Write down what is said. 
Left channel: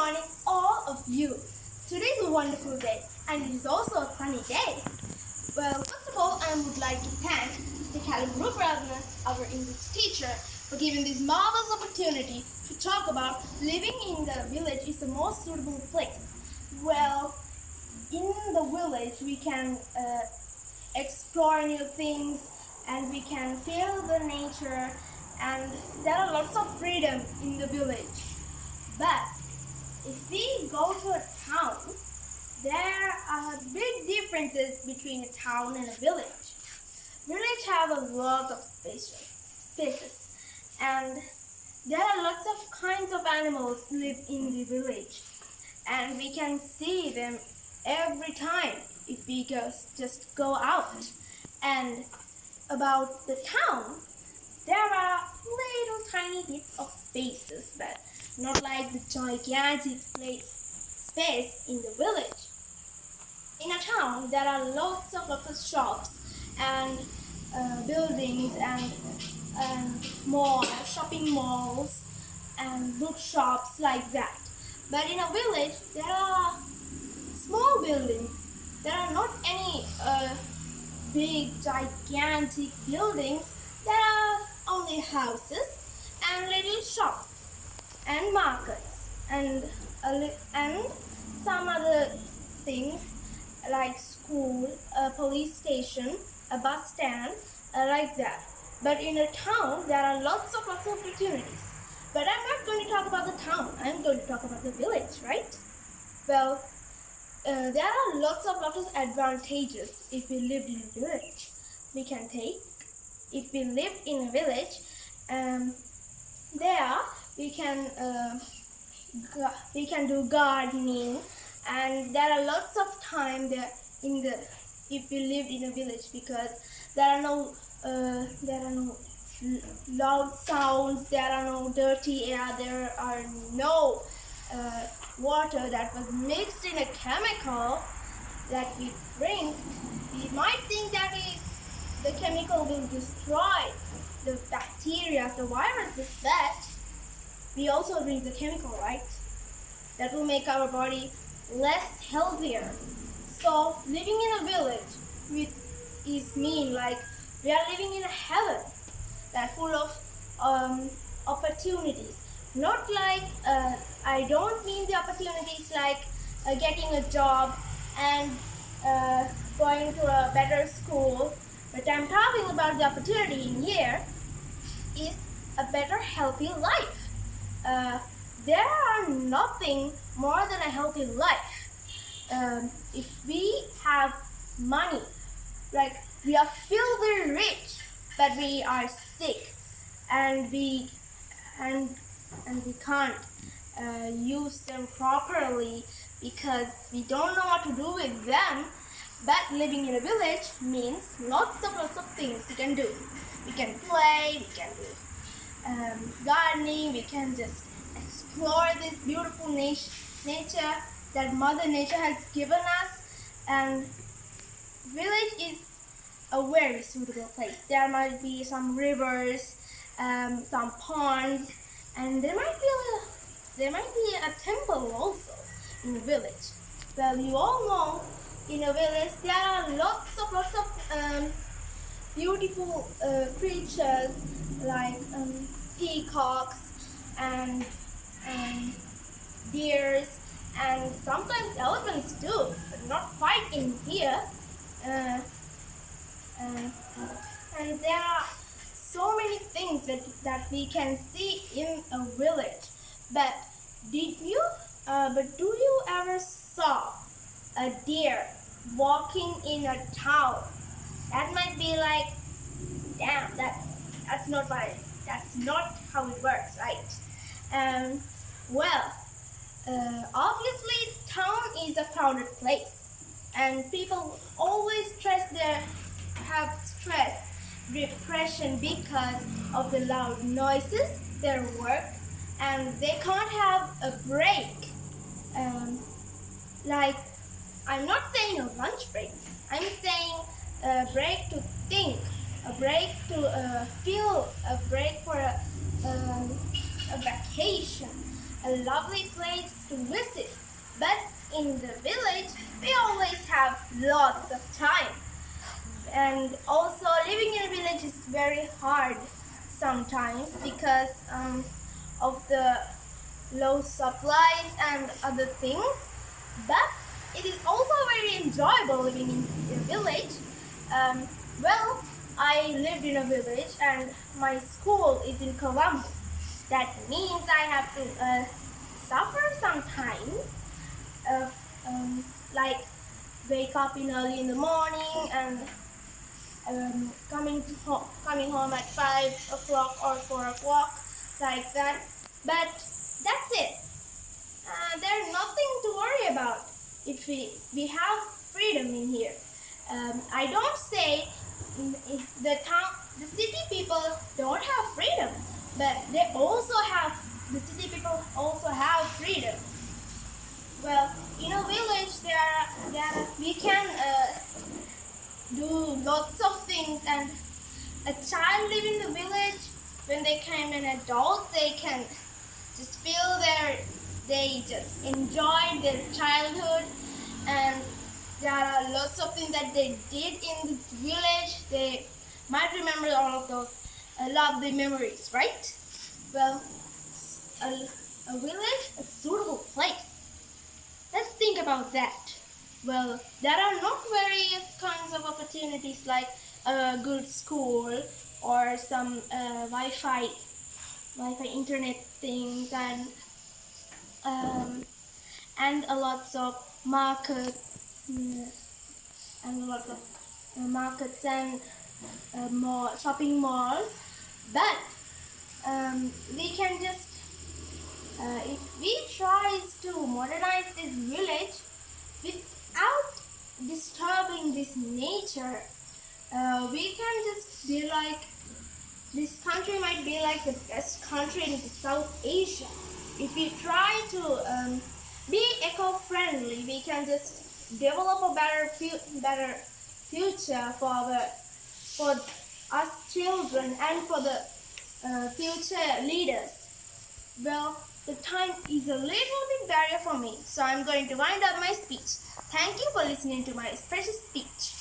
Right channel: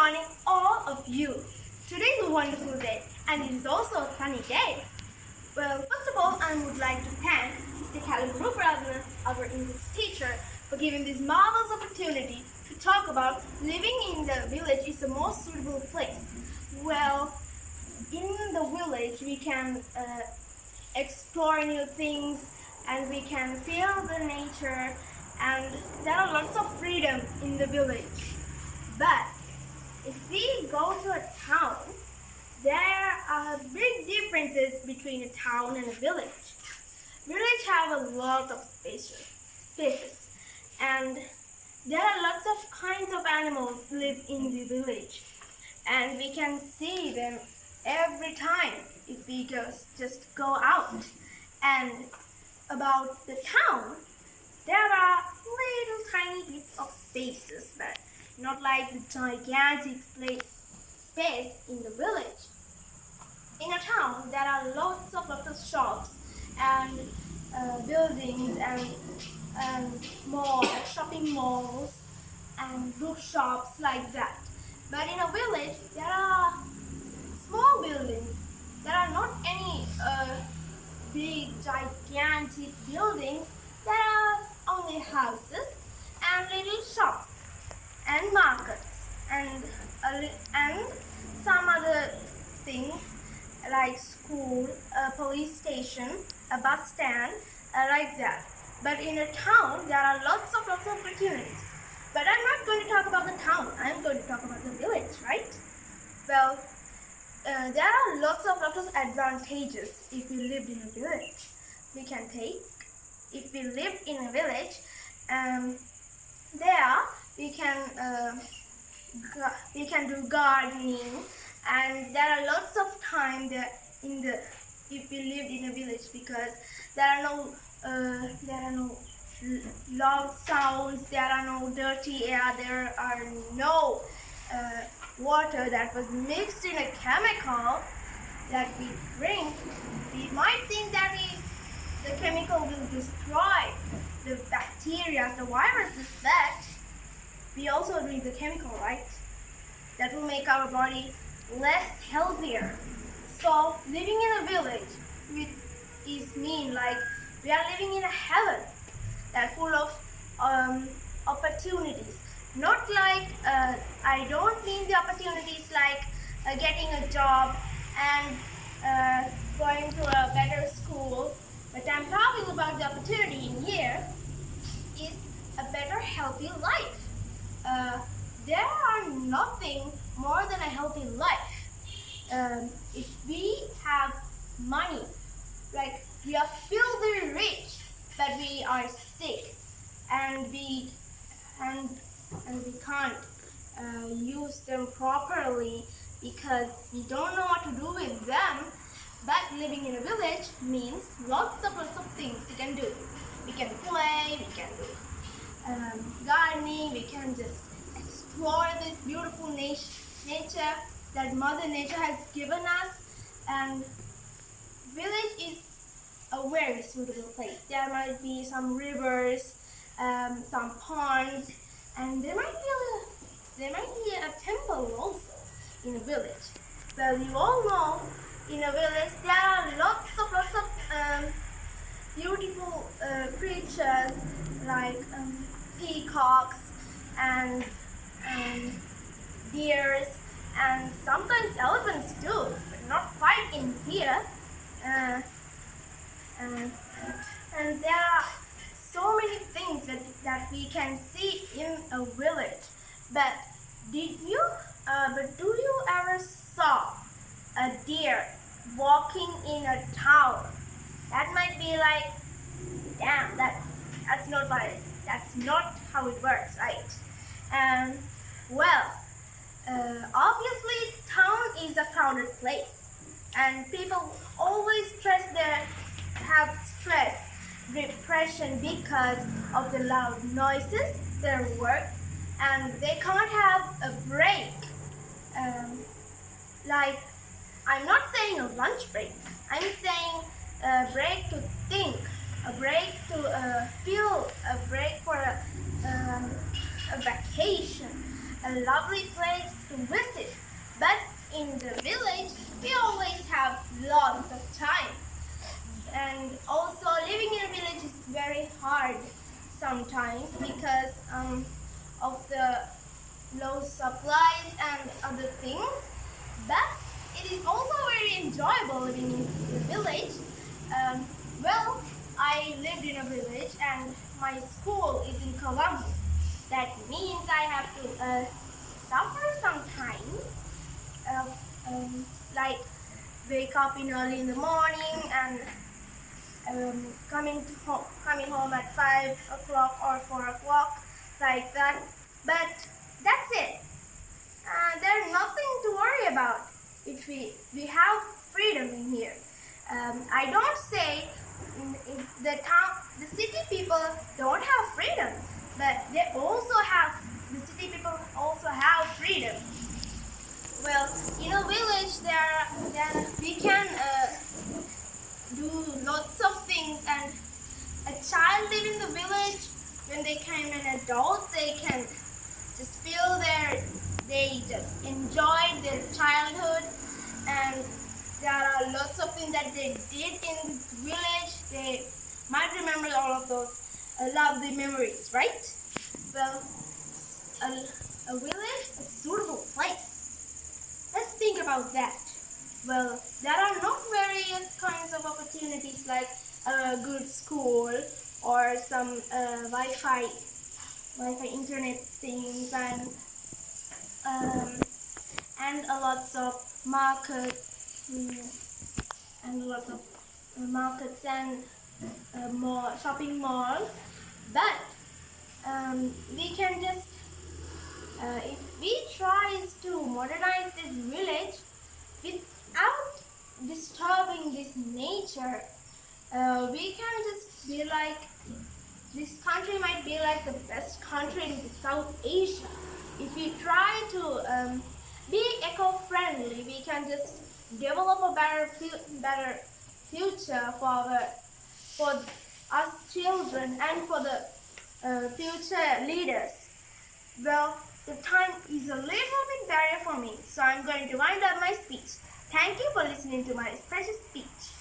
morning, all of you. Today is a wonderful day and it is also a sunny day. Well, first of all, I would like to thank Mr. Rathnyake, our English teacher, for giving this marvelous opportunity to talk about living in the village is the most suitable place. Well, in the village we can explore new things and we can feel the nature, and there are lots of freedom in the village. But if we go to a town, there are big differences between a town and a village. Villages have a lot of spaces, and there are lots of kinds of animals live in the village, and we can see them every time if we just go out. And about the town, there are little tiny bits of spaces, but not like the gigantic space in the village. In a town, there are lots of shops and buildings and malls, shopping malls and bookshops like that. But in a village, there are small buildings. There are not any big, gigantic buildings. There are only houses and little shops and markets and some other things like school, a police station, a bus stand, like that. But in a town, there are lots of opportunities. But I'm not going to talk about the town. I'm going to talk about the village, right? Well, there are lots of advantages if we lived in a village. We can take, if we live in a village, there we can do gardening, and there are lots of time there if we lived in a village, because there are no loud sounds, there are no dirty air, there are no water that was mixed in a chemical that we drink. We might think that the chemical will destroy the bacteria, the viruses, but we also drink the chemical, right? That will make our body less healthier. So living in a village is mean like we are living in a heaven that's full of opportunities. Not like, I don't mean the opportunities like getting a job and going to a better school, but I'm talking about the opportunity in here is a better healthy life. There are nothing more than a healthy life. If we have money, like we are filthy rich, but we are sick and we can't use them properly because we don't know what to do with them. But living in a village means lots of things we can do. We can play, we can do gardening, we can just explore this beautiful nature that Mother Nature has given us. And village is a very suitable place. There might be some rivers, some ponds, and there might be a temple also in a village. Well, you all know in a village there are lots of beautiful creatures like peacocks and deers and sometimes elephants too, but not quite in here. And there are so many things that we can see in a village. But do you ever saw a deer walking in a town? That might be like, damn, that's not how it works, right? Well, obviously town is a crowded place, and people always have stress, depression because of the loud noises, their work, and they can't have a break. Like, I'm not saying a lunch break, I'm saying a break to think, a break to feel, a break for a vacation, a lovely place to visit. But in the village, we always have lots of time. And also living in a village is very hard sometimes because of the low supplies and other things. But it is also very enjoyable living in a village. Well, I lived in a village and my school is in Colombo. That means I have to suffer sometimes of like wake up in early in the morning and coming home at 5 o'clock or 4 o'clock, like that. But that's it. There's nothing to worry about if we have freedom in here. I don't say the city people don't have freedom, but the city people also have freedom. Well, in a village, we can do lots of things, and a child living in the village, when they become an adult, they can just they just enjoy their childhood, and there are lots of things that they did in this village. They might remember all of those lovely memories, right? Well, a village, a suitable place. Let's think about that. Well, there are not various kinds of opportunities like a good school or some Wi-Fi internet things and a lots of markets and lots of markets and shopping malls. But we can just if we try to modernize this village without disturbing this nature, we can just be like, this country might be like the best country in South Asia. If we try to be eco-friendly, we can just develop a better future for us children and for the future leaders. Well, the time is a little bit barrier for me, so I'm going to wind up my speech. Thank you for listening to my precious speech.